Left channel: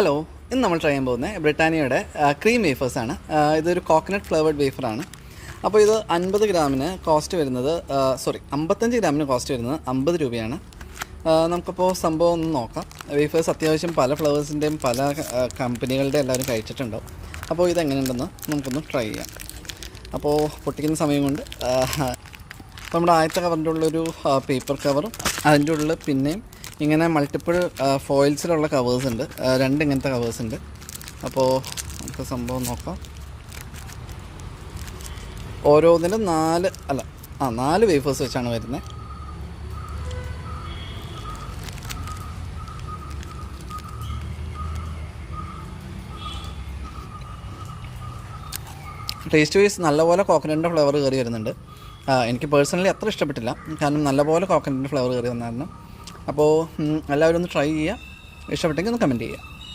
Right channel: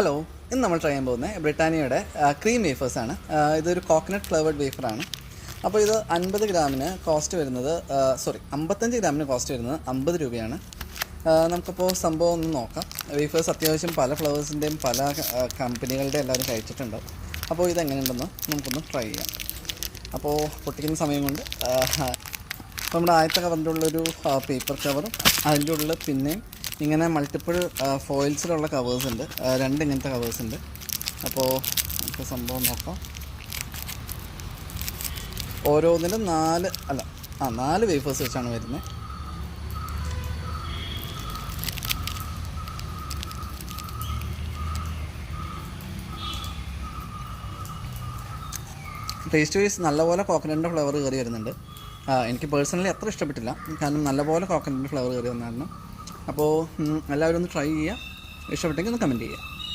Hello, ഇന്ന് നമ്മൾ try ചെയ്യാൻ പോകുന്നത് ബ്രിട്ടാനിയയുടെ ക്രീം വേഫേഴ്സാണ്. ഇതൊരു കോക്കനട്ട് ഫ്ലേവേർഡ് വേഫറാണ്. അപ്പോൾ ഇത് 50 ഗ്രാമിന് കോസ്റ്റ് വരുന്നത് 55 ഗ്രാമിന് കോസ്റ്റ് വരുന്നത് 50 രൂപയാണ്. നമുക്കപ്പോൾ സംഭവം ഒന്ന് നോക്കാം. വേഫേഴ്സ് അത്യാവശ്യം പല ഫ്ലേവേഴ്സിൻ്റെയും പല കമ്പനികളുടെ എല്ലാവരും കഴിച്ചിട്ടുണ്ട്. അപ്പോൾ ഇതെങ്ങനെയുണ്ടെന്ന് നമുക്കൊന്ന് ട്രൈ ചെയ്യാം. അപ്പോൾ പൊട്ടിക്കുന്ന സമയം കൊണ്ട് നമ്മുടെ ആദ്യത്തെ കവറിൻ്റെ ഉള്ളൊരു പേപ്പർ കവറും അതിൻ്റെ ഉള്ളിൽ പിന്നെയും ഇങ്ങനെ മൾട്ടിപ്പിൾ ഫോയിൽസിലുള്ള കവേഴ്സ് ഉണ്ട്. രണ്ട് ഇങ്ങനത്തെ കവേഴ്സ് ഉണ്ട്. അപ്പോൾ നമുക്ക് സംഭവം നോക്കാം. ഓരോന്നിലും 4 വേഫേഴ്സ് വെച്ചാണ് വരുന്നത്. ടേസ്റ്റ് വൈസ് നല്ലപോലെ കോക്കനട്ടിൻ്റെ ഫ്ലേവർ കയറി വരുന്നുണ്ട്. എനിക്ക് പേഴ്സണലി അത്ര ഇഷ്ടപ്പെട്ടില്ല, കാരണം നല്ലപോലെ കോക്കനട്ടിൻ്റെ ഫ്ലേവർ കയറി വന്നായിരുന്നു. അപ്പോൾ എല്ലാവരും ഒന്ന് ട്രൈ ചെയ്യുക. ഇഷ്ടപ്പെട്ടെങ്കിൽ ഒന്ന് കമൻറ്റ് ചെയ്യുക.